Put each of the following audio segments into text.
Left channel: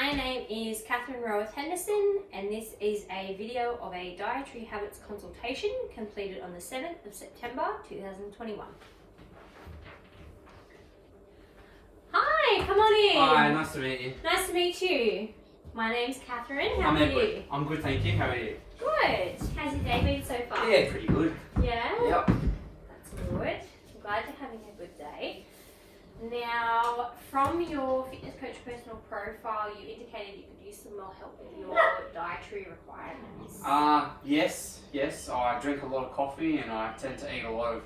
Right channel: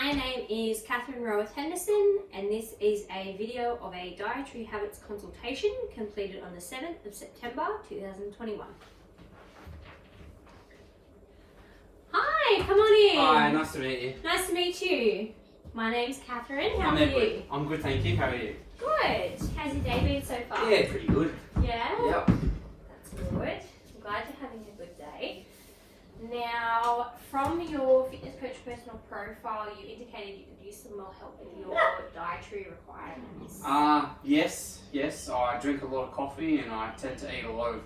My name is Catherine Roweth Henderson, and this is a video of a dietary habits consultation completed on the 7th of September 2021. Hi, come on in. Hi, nice to meet you. Nice to meet you. My name's Catherine. How are you? I'm good, thank you. How are you? Good. How's your day been so far? Yeah, pretty good. Yeah? Yep. That's good. I'm glad you're having a good day. Now, from your fitness coach personal profile, you indicated you could use some more help with your dietary requirements. Yes. I drink a lot of coffee and I tend to eat a lot of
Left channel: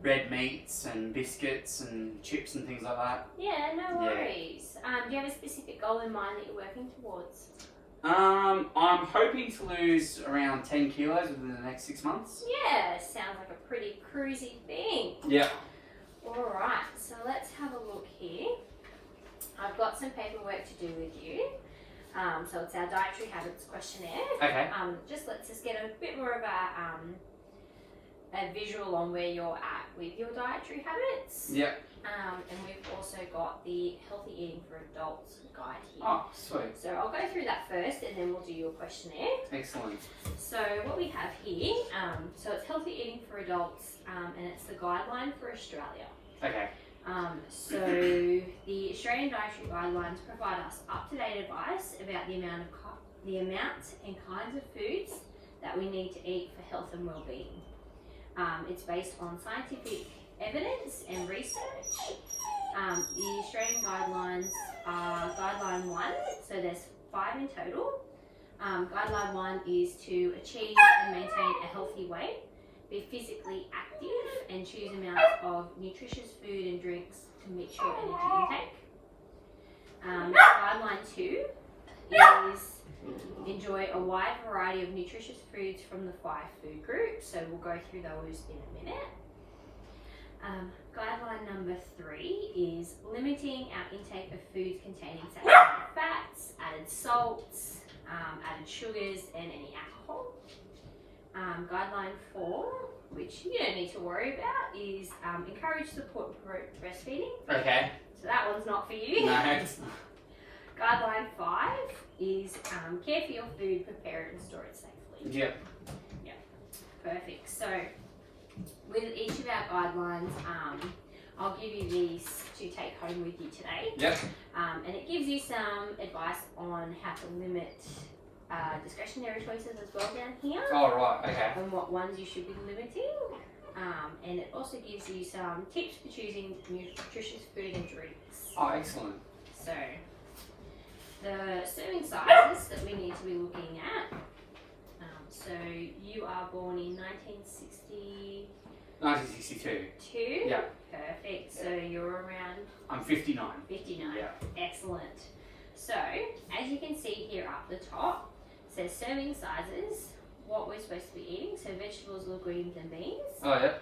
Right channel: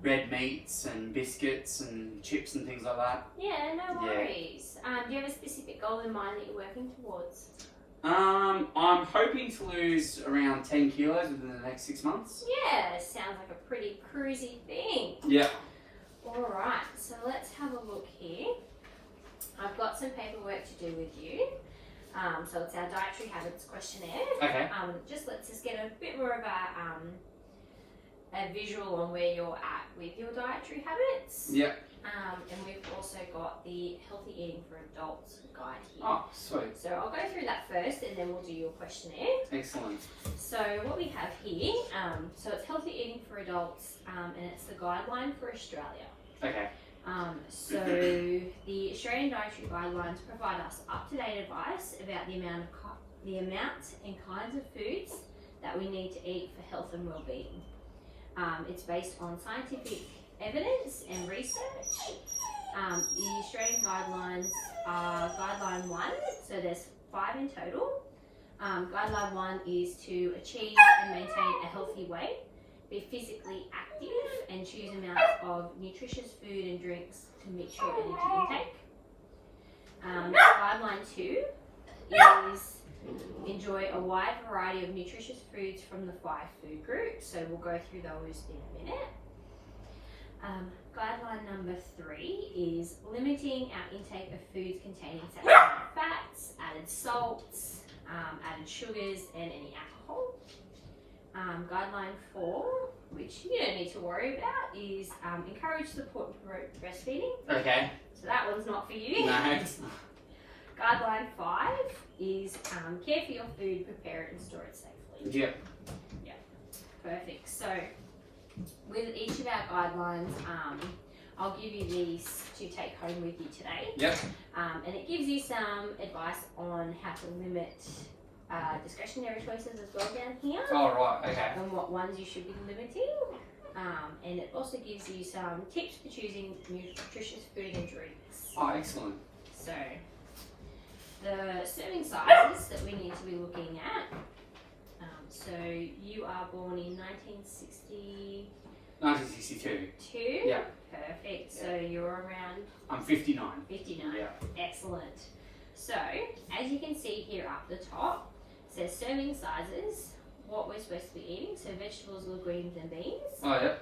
red meats and biscuits and chips and things like that. Yeah, no worries. Do you have a specific goal in mind that you're working towards? I'm hoping to lose around 10 kilos within the next 6 months. Yeah, sounds like a pretty cruisy thing. Yeah. Alright, so let's have a look here. I've got some paperwork to do with you. So it's our dietary habits questionnaire. Okay. Just lets us get a bit more of a visual on where you're at with your dietary habits. Yep. And we've also got the Healthy Eating for Adults guide here. Oh, sweet. So I'll go through that first and then we'll do your questionnaire. Excellent. So what we have here, so it's Healthy Eating for Adults and it's the guideline for Australia. Okay. So the Australian Dietary Guidelines provide us up-to-date advice about the amounts and kinds of foods that we need to eat for health and well-being. It's based on scientific evidence and research. The Australian guidelines are Guideline 1, so there's 5 in total. Guideline 1 is to achieve and maintain a healthy weight, be physically active and choose amounts of nutritious food and drinks to meet your energy intake. Guideline 2 is enjoy a wide variety of nutritious foods from the 5 food groups, so we'll go through those in a minute. Guideline number 3 is limiting our intake of foods containing saturated fats, added salts, added sugars and any alcohol. Guideline 4, which you don't need to worry about, is encourage, support and promote breastfeeding. Okay. So that one's not for you. No. Guideline 5 is care for your food, prepare it and store it safely. Yep. Perfect. So with each of our guidelines, I'll give you these to take home with you today. Yep. And it gives you some advice on how to limit discretionary choices as well down here. Oh, right. Okay. And what ones you should be limiting. And it also gives you some tips for choosing nutritious food and drinks. Oh, excellent. So the serving sizes that we need to be looking at. So you are born in 1960. 1962. Yeah. Perfect. So you're around I'm 59. 59. Yeah. Excellent. So as you can see here up the top, it says serving sizes, what we're supposed to be eating. So vegetables, little greens and beans. Oh, yeah.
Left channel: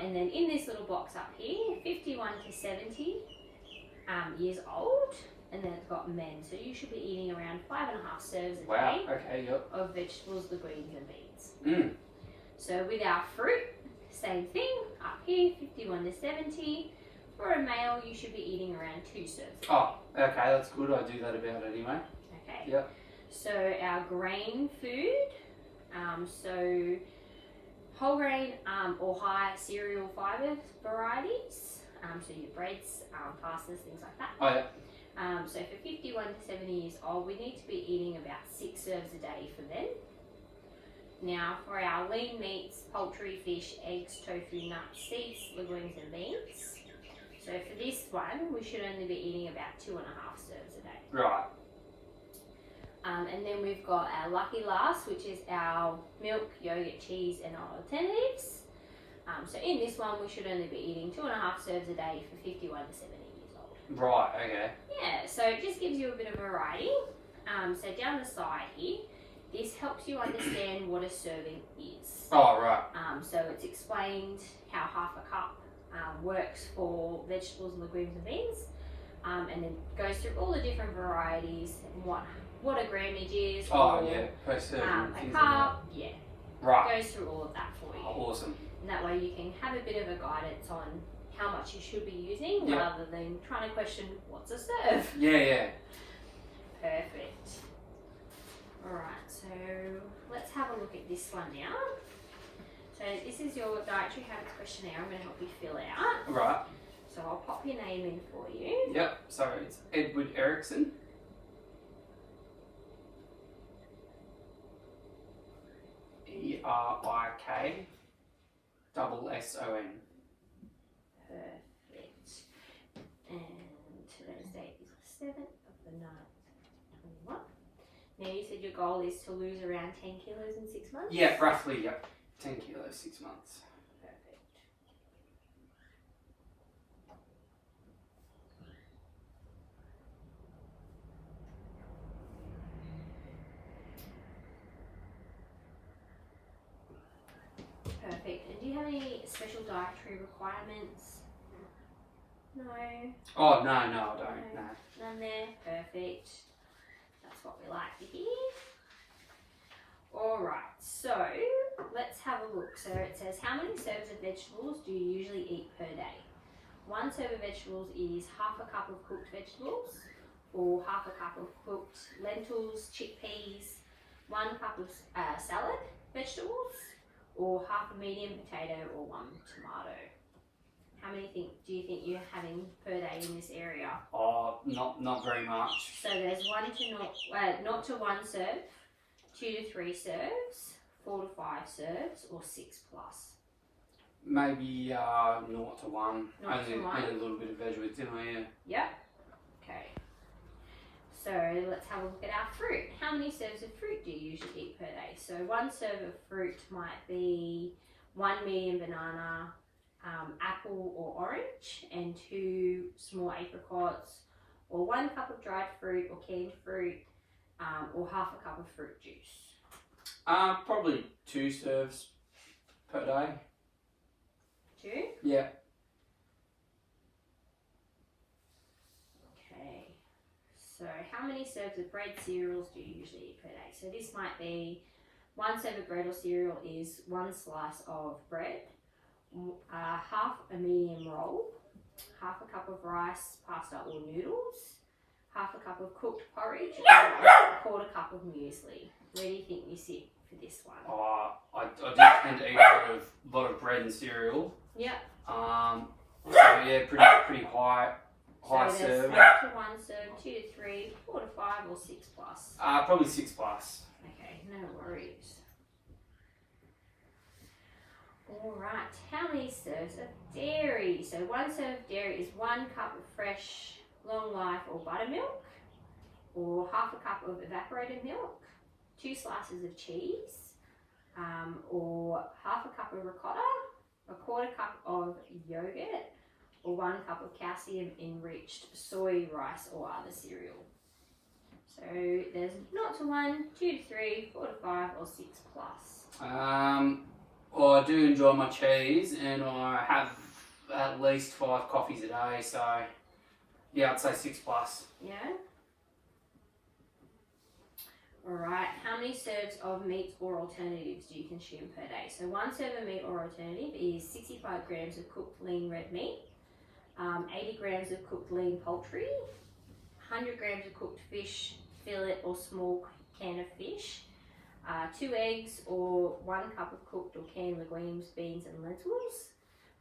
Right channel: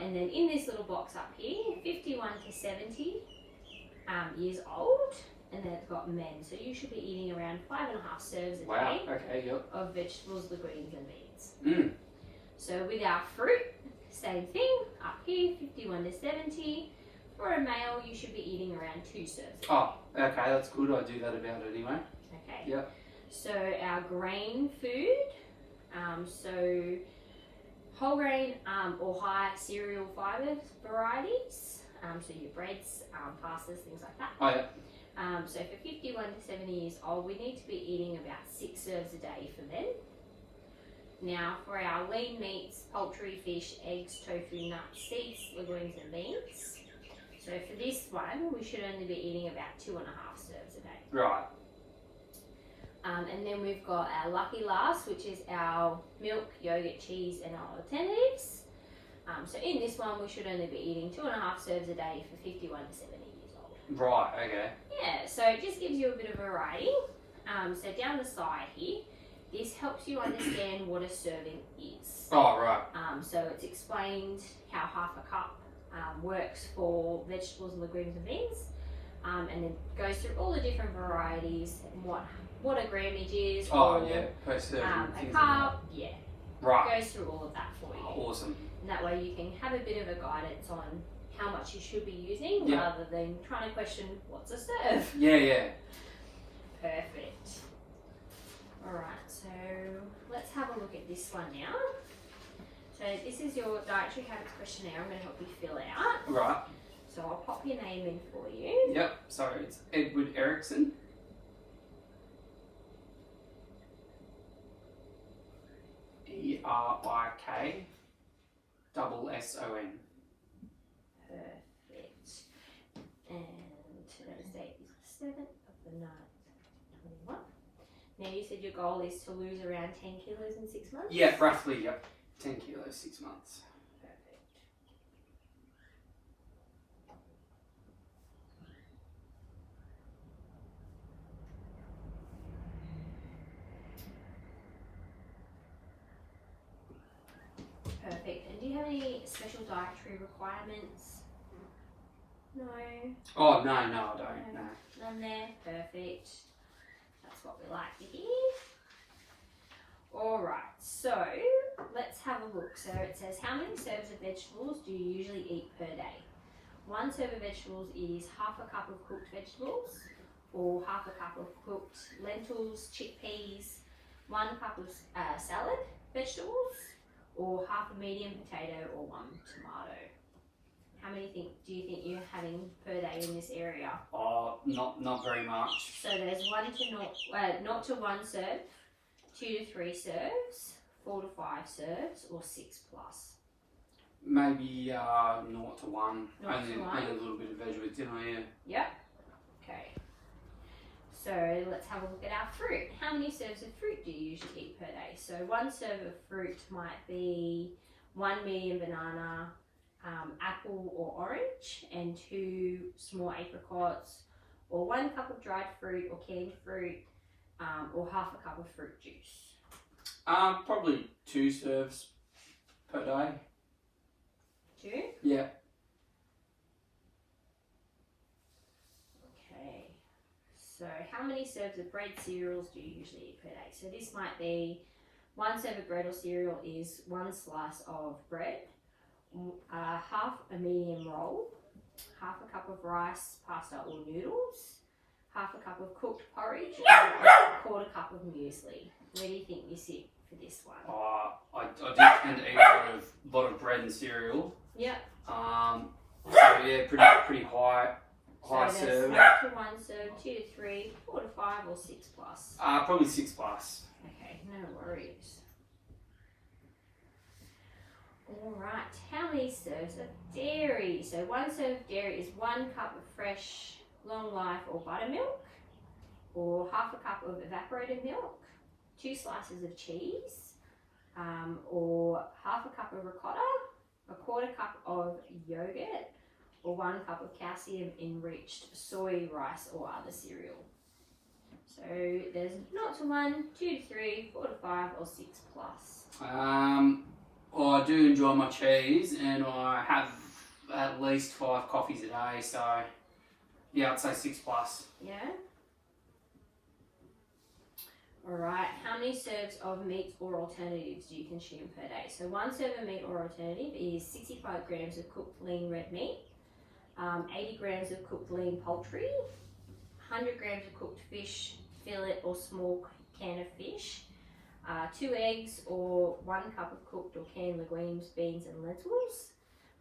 And then in this little box up here, 51 to 70 years old. And then it's got men. So you should be eating around 5.5 serves a Wow. day Okay. Yep. of vegetables, the greens and beans. Mm. So with our fruit, same thing, up here, 51 to 70. For a male, you should be eating around 2 serves. Oh, okay, that's good. I do that about anyway. Okay. Yep. So our grain food, so whole grain or high cereal fibre varieties, so your breads, pastas, things like that. Oh, yeah. So for 51 to 70 years old, we need to be eating about 6 serves a day for them. Now for our lean meats, poultry, fish, eggs, tofu, nuts, seeds, legumes and beans. So for this one, we should only be eating about 2.5 serves a day. Right. And then we've got our lucky last, which is our milk, yogurt, cheese and our alternatives. So in this one, we should only be eating 2.5 serves a day for 51 to 70 years old. Right, okay. Yeah, so it just gives you a bit of variety. So down the side here, this helps you understand what a serving is. Oh, right. So it's explained how half a cup works for vegetables, legumes and beans. And then goes through all the different varieties and what a grammage is. Oh, or, yeah. Per serving. a cup, yeah. Right. Goes through all of that for you. Oh, awesome. And that way you can have a bit of a guidance on how much you should be using Yeah. rather than trying to question what's a serve. Yeah, yeah. Perfect. Alright, so let's have a look at this one now. So this is your dietary habits questionnaire. I'm going to help you fill out. Right. So I'll pop your name in for you. Yep. So it's Edward Erickson. ERIKSSON. Perfect. And today's date is the 7th of the 9th, 21. Now you said your goal is to lose around 10 kilos in 6 months? Yeah, roughly, yep. 10 kilos, 6 months. Perfect. Perfect. And do you have any special dietary requirements? No. Oh, no, I don't. No. None there. Perfect. That's what we like to hear. Alright, so let's have a look. So it says, how many serves of vegetables do you usually eat per day? 1 serve of vegetables is half a cup of cooked vegetables, or half a cup of cooked lentils, chickpeas, 1 cup of salad vegetables, or half a medium potato, or 1 tomato. How many do you think you're having per day in this area? Oh, not very much. So there's 0 to 1 serve, 2 to 3 serves, 4 to 5 serves, or 6 plus. Maybe 0 to 1. 0 to Only 1. a little bit of veg with dinner, yeah. Yep. Okay. So let's have a look at our fruit. How many serves of fruit do you usually eat per day? So 1 serve of fruit might be 1 medium banana, apple or orange, and 2 small apricots, or 1 cup of dried fruit or canned fruit, or half a cup of fruit juice. Probably 2 serves per day. 2? Yeah. Okay. So how many serves of bread cereals do you usually eat per day? So this might be 1 serve of bread or cereal is 1 slice of bread, half a medium roll, half a cup of rice, pasta or noodles, half a cup of cooked porridge, or a quarter cup of muesli. Where do you think you sit for this one? I do tend to eat a lot of bread and cereal. Yep. So yeah, pretty high So there's serve. 0 to 1 serve, 2 to 3, 4 to 5, or 6 plus. Probably 6 plus. Okay, no worries. Alright, how many serves of dairy? So 1 serve of dairy is 1 cup of fresh, long life or buttermilk, or half a cup of evaporated milk, 2 slices of cheese, or half a cup of ricotta, a quarter cup of yogurt, or 1 cup of calcium enriched soy, rice or other cereal. So there's 0 to 1, 2 to 3, 4 to 5, or 6 plus. Well, I do enjoy my cheese, and I have at least 5 coffees a day, so yeah, I'd say 6 plus. Yeah? Alright, how many serves of meat or alternatives do you consume per day? So 1 serve of meat or alternative is 65 grams of cooked lean red meat, 80 grams of cooked lean poultry, 100 grams of cooked fish, fillet or small can of fish, 2 eggs or 1 cup of cooked or canned legumes, beans and lentils,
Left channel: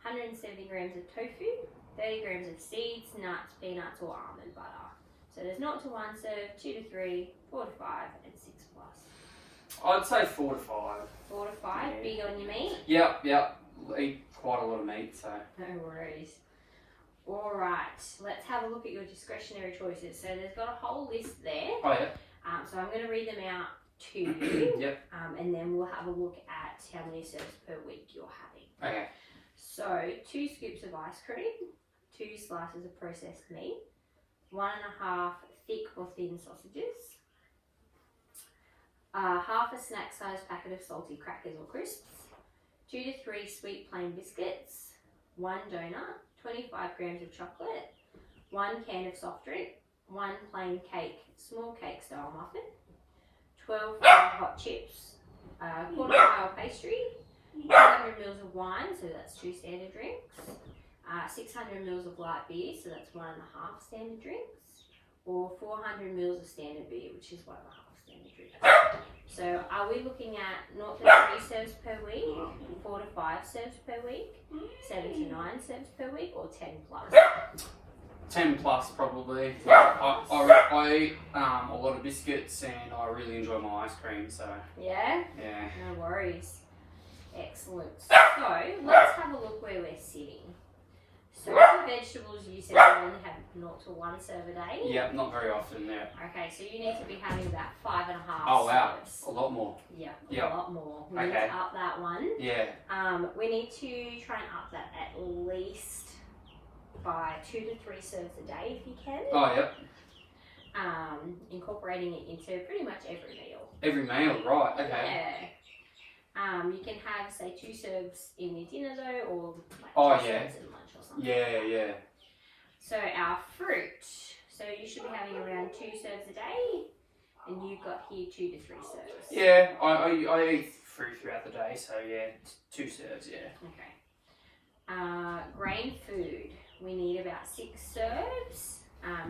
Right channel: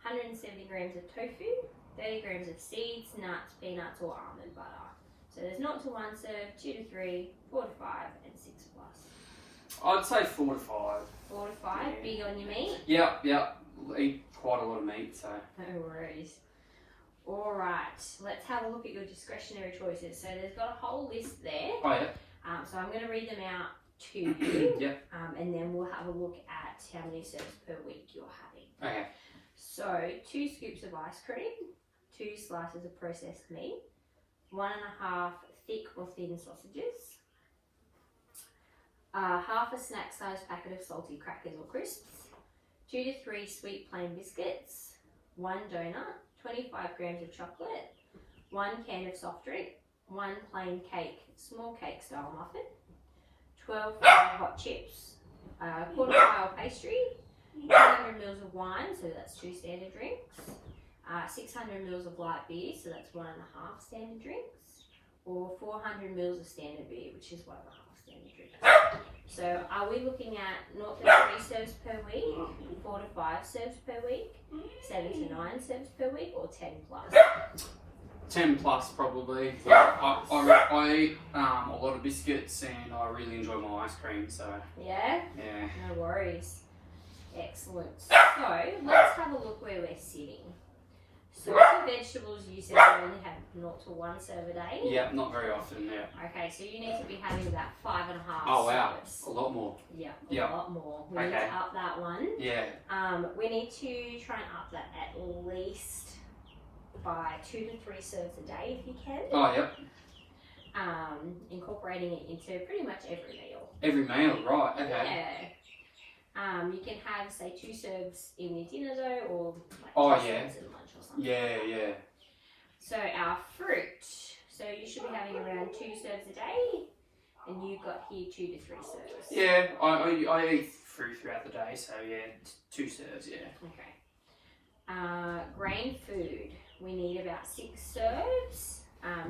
170 grams of tofu, 30 grams of seeds, nuts, peanuts or almond butter. So there's 0 to 1 serve, 2 to 3, 4 to 5 and 6 plus. I'd say 4 to 5. 4 to 5, Yeah. big on your meat? Yep. Eat quite a lot of meat, so. No worries. Alright, let's have a look at your discretionary choices. So there's got a whole list there. Oh yeah. So I'm going to read them out to you. Yep. And then we'll have a look at how many serves per week you're having. Okay. So 2 scoops of ice cream, 2 slices of processed meat, 1.5 thick or thin sausages, half a snack sized packet of salty crackers or crisps, 2 to 3 sweet plain biscuits, 1 donut, 25 grams of chocolate, 1 can of soft drink, 1 plain cake, small cake style muffin, 12 hot chips, quarter pile pastry, 200 mils of wine, so that's 2 standard drinks, 600 mils of light beer, so that's 1.5 standard drinks, or 400 mils of standard beer, which is 1.5 standard drink. So are we looking at 0 to 3 serves per week, 4 to 5 serves per week, 7 to 9 serves per week, or 10 plus? 10 plus probably. I eat a lot of biscuits and I really enjoy my ice cream, so Yeah? yeah. No worries. Excellent. So let's have a look where we're sitting. So for vegetables, you said you only have 0 to 1 serve a day. Yeah, not very often, yeah. Okay, so you need to be having about 5.5 Oh wow, serves. a lot more. Yep, Yep. a lot more. We need Okay. to up that one. Yeah. We need to try and up that at least by 2 to 3 serves a day if you can. Oh yep. Incorporating it into pretty much every meal. Every meal, right, okay. Yeah. You can have, say, 2 serves in your dinner though, or like Oh, 2 yeah. serves in lunch or something. Yeah, yeah. So our fruit. So you should be having around 2 serves a day, and you've got here 2 to 3 serves. Yeah, I eat fruit throughout the day, so yeah, 2 serves, yeah. Okay. Grain food. We need about 6 serves.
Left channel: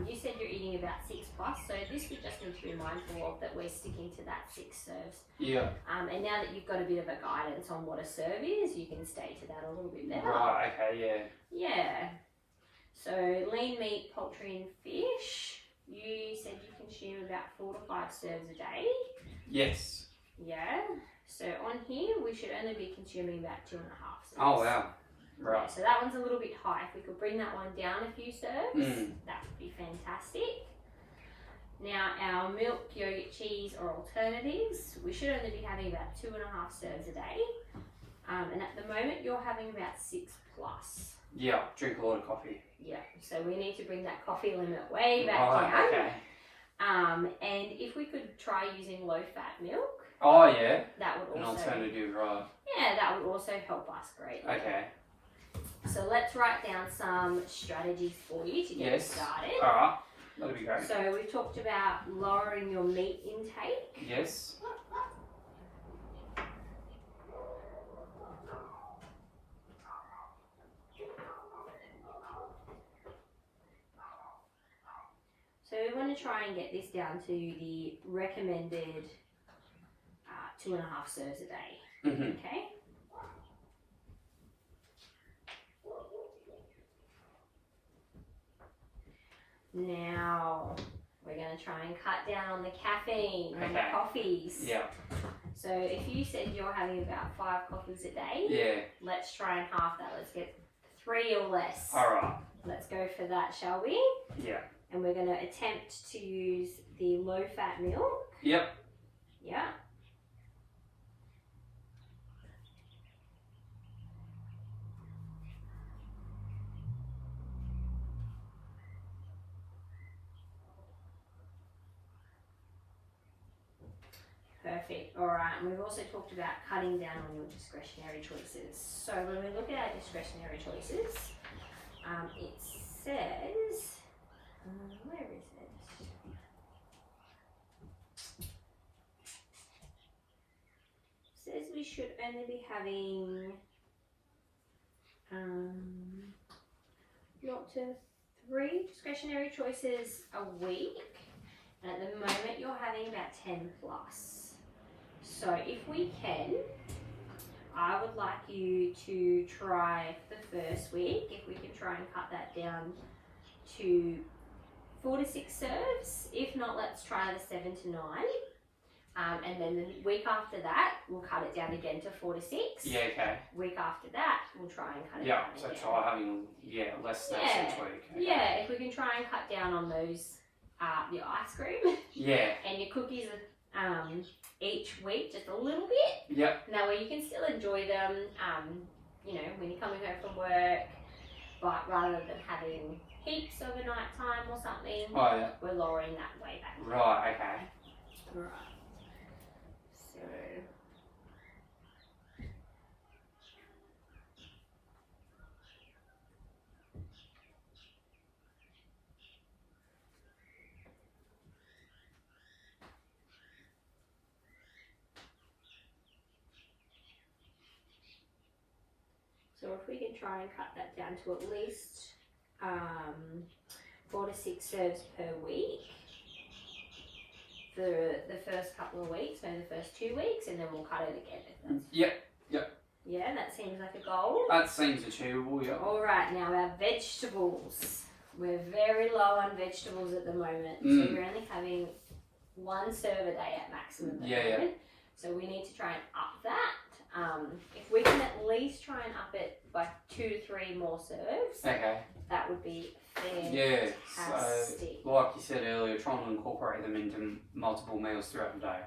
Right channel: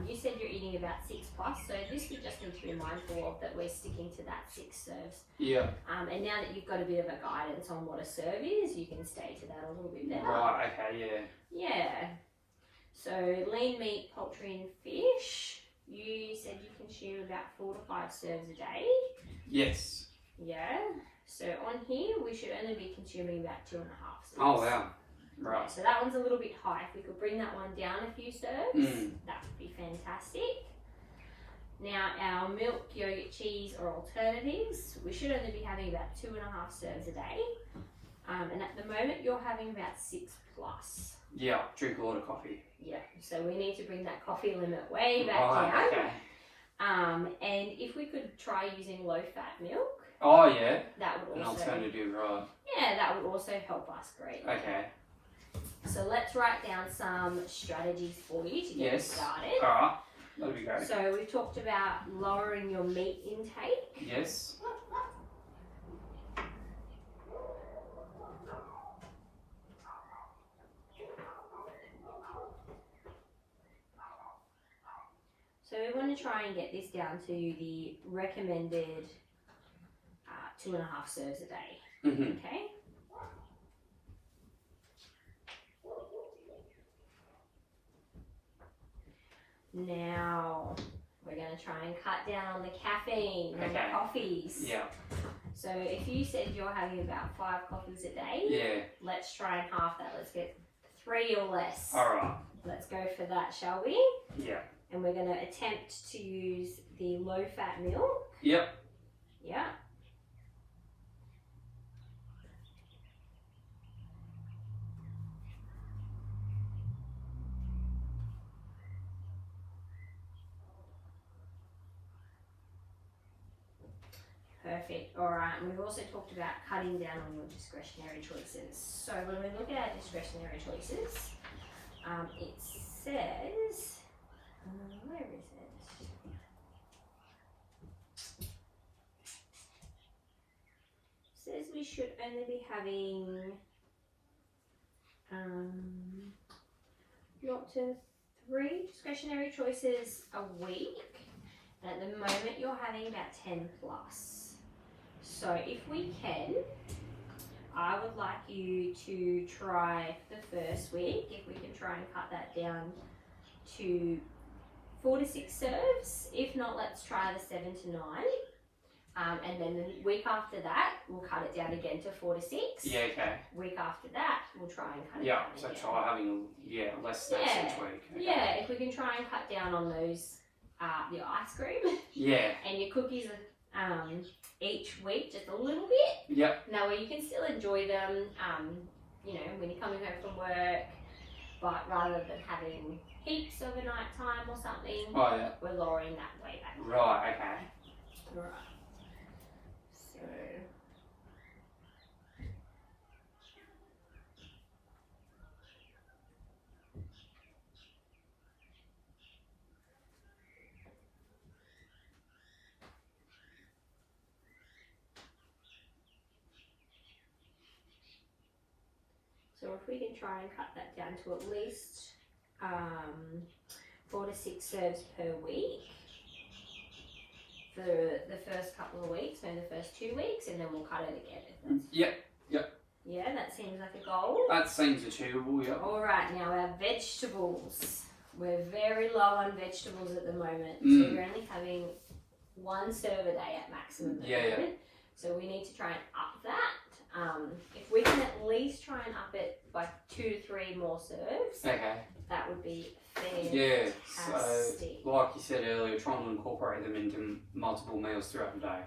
You said you're eating about 6 plus, so this we just need to be mindful of that we're sticking to that 6 serves. Yeah. And now that you've got a bit of a guidance on what a serve is, you can stay to that a little bit better. Right, okay, yeah. Yeah. So lean meat, poultry and fish. You said you consume about 4 to 5 serves a day. Yes. Yeah. So on here, we should only be consuming about 2.5 serves. Oh wow. Yeah, Right. so that one's a little bit high. If we could bring that one down a few serves, that would be fantastic. Now our milk, yogurt, cheese or alternatives, we should only be having about 2.5 serves a day. And at the moment you're having about 6 plus. Yeah, drink a lot of coffee. Yeah, so we need to bring that coffee limit way back Right, down. okay. And if we could try using low fat milk, Oh yeah, that would an also alternative, right. yeah, that would also help us greatly. Okay. So let's write down some strategies for you to get Yes. started. Alright, that'll be great. So we've talked about lowering your meat intake. Yes. So we want to try and get this down to the recommended 2.5 serves a day. Mm-hmm. Okay. Now we're going to try and cut down on the caffeine and the Okay. coffees. Yeah. So if you said you're having about 5 coffees a day, Yeah. let's try and half that. Let's get 3 or less. Alright. Let's go for that, shall we? Yeah. And we're going to attempt to use the low fat milk. Yep. Yeah. Perfect. All right. And we've also talked about cutting down on your discretionary choices. So when we look at our discretionary choices, it says, where is it? It says we should only be having 0 to 3 discretionary choices a week. And at the moment, you're having about 10 plus. So if we can, I would like you to try for the first week, if we can try and cut that down to 4 to 6 serves. If not, let's try the 7 to 9. And then the week after that, we'll cut it down again to 4 to 6. Yeah, okay. Week after that, we'll try and cut it Yeah, down so again. try having less snacks Yeah. each week. Okay. Yeah, if we can try and cut down on those, your ice cream Yeah. and your cookies each week, just a little bit. Yep. Now, where you can still enjoy them, you know, when you're coming home from work, but rather than having heaps over night time or something, Oh yeah. we're lowering that way back. Right, okay. Right. So. So if we can try and cut that down to at least 4 to 6 serves per week for the first couple of weeks, so the first 2 weeks, and then we'll cut it again. Yep. Yeah, that seems like a goal. That seems achievable, yep. Alright, now our vegetables. We're very low on vegetables at the moment, so we're only having 1 serve a day at maximum at the moment. So we need to try and up that. If we can at least try and up it by 2 to 3 more serves, that would be fantastic. Yeah, so like you said earlier, trying to incorporate them into multiple meals throughout the day.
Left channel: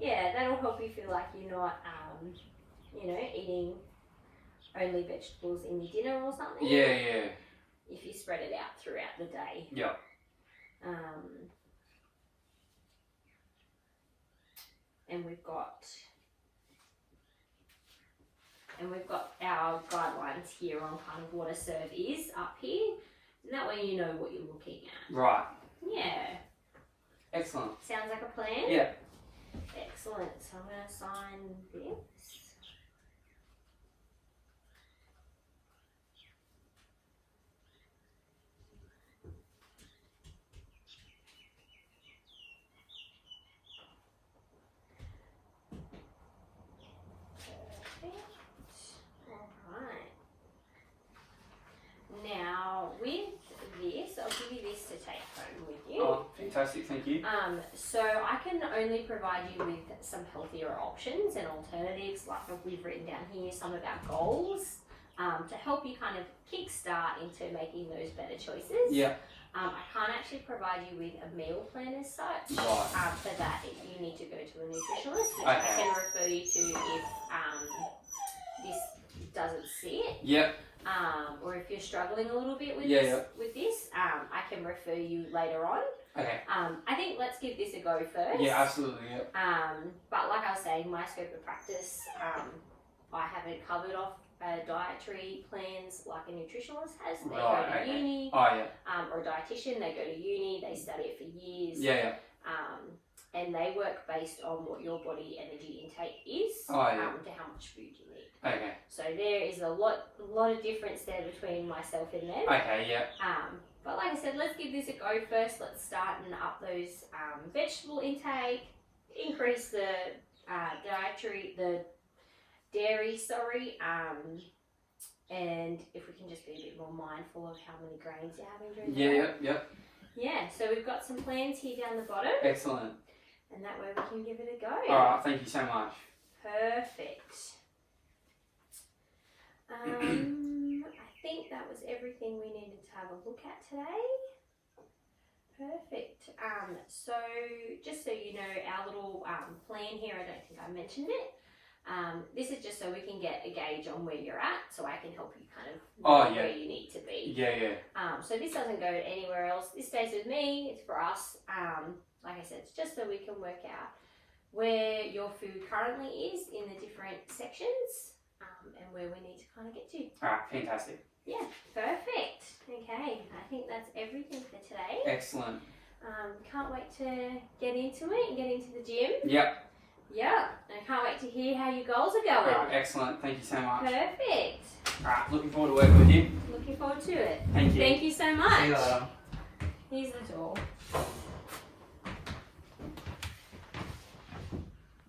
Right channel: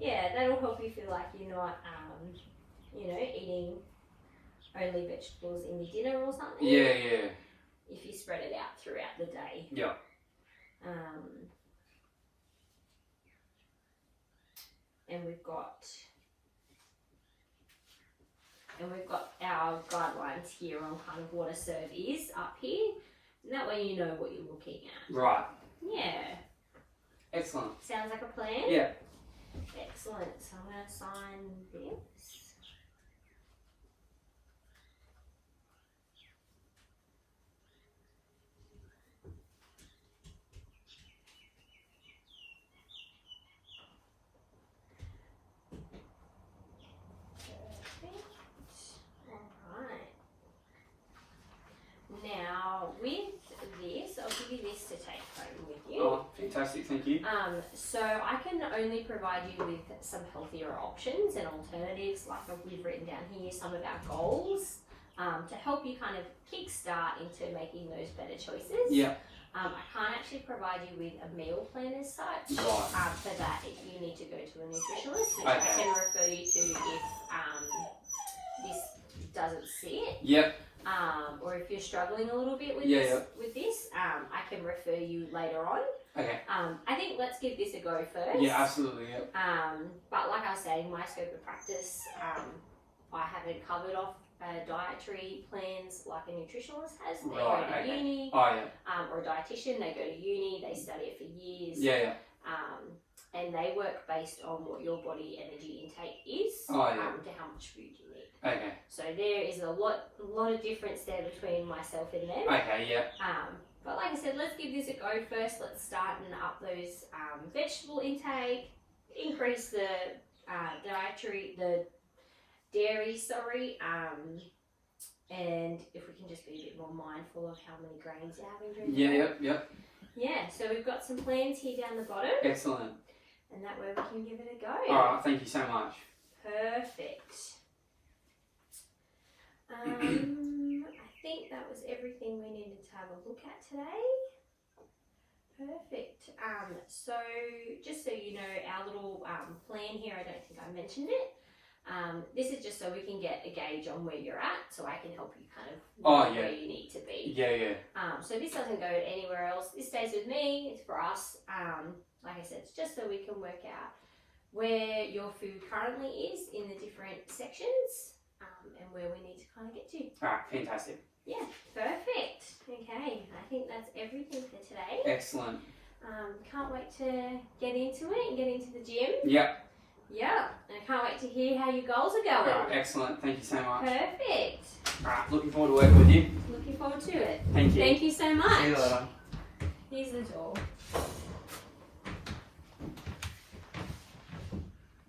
Yeah, that'll help you feel like you're not, eating only vegetables in your dinner or something. Yeah. If you spread it out throughout the day. Yeah. And we've got our guidelines here on kind of what a serve is up here. And that way you know what you're looking at. Right. Yeah. Excellent. Sounds like a plan? Yeah. Excellent. So I'm going to sign this. Now, with this, I'll give you this to take home with you. Oh, fantastic, thank you. So I can only provide you with some healthier options and alternatives, like we've written down here some of our goals, to help you kind of kickstart into making those better choices. Yeah. I can't actually provide you with a meal plan as such. Right. For that, you need to go to a nutritionist, which I can refer you to if this doesn't sit. Yep. Or if you're struggling a little bit with this, I can refer you later on. Okay. I think let's give this a go first. Yeah, absolutely. Yep. But like I was saying, my scope of practice, I haven't covered off dietary plans like a nutritionist has. They go to uni. Oh, yeah. Or a dietitian, they go to uni, they study it for years. Yeah. And they work based on what your body energy intake is, to how much food you need. Okay. So there is a lot of difference there between myself and them. Okay, yeah. But like I said, let's give this a go first. Let's start and up those vegetable intake, increase the dairy, and if we can just be a bit more mindful of how many grains you're having during the day. Yep. Yeah, so we've got some plans here down the bottom. Excellent. And that way we can give it a go. Alright, thank you so much. Perfect. I think that was everything we needed to have a look at today. Perfect. So just so you know, our little plan here, I don't think I mentioned it. This is just so we can get a gauge on where you're at, so I can help you kind of know where you need to be. Yeah. So this doesn't go anywhere else. This stays with me. It's for us. Like I said, it's just so we can work out where your food currently is in the different sections, and where we need to kind of get to. Alright, fantastic. Yeah, perfect. Okay, I think that's everything for today. Excellent. Can't wait to get into it and get into the gym. Yep. Yeah, and I can't wait to hear how your goals are going. Alright, excellent. Thank you so much. Perfect. Alright, looking forward to working with you. Looking forward to it. Thank you. Thank you so much. See you later. Here's the door.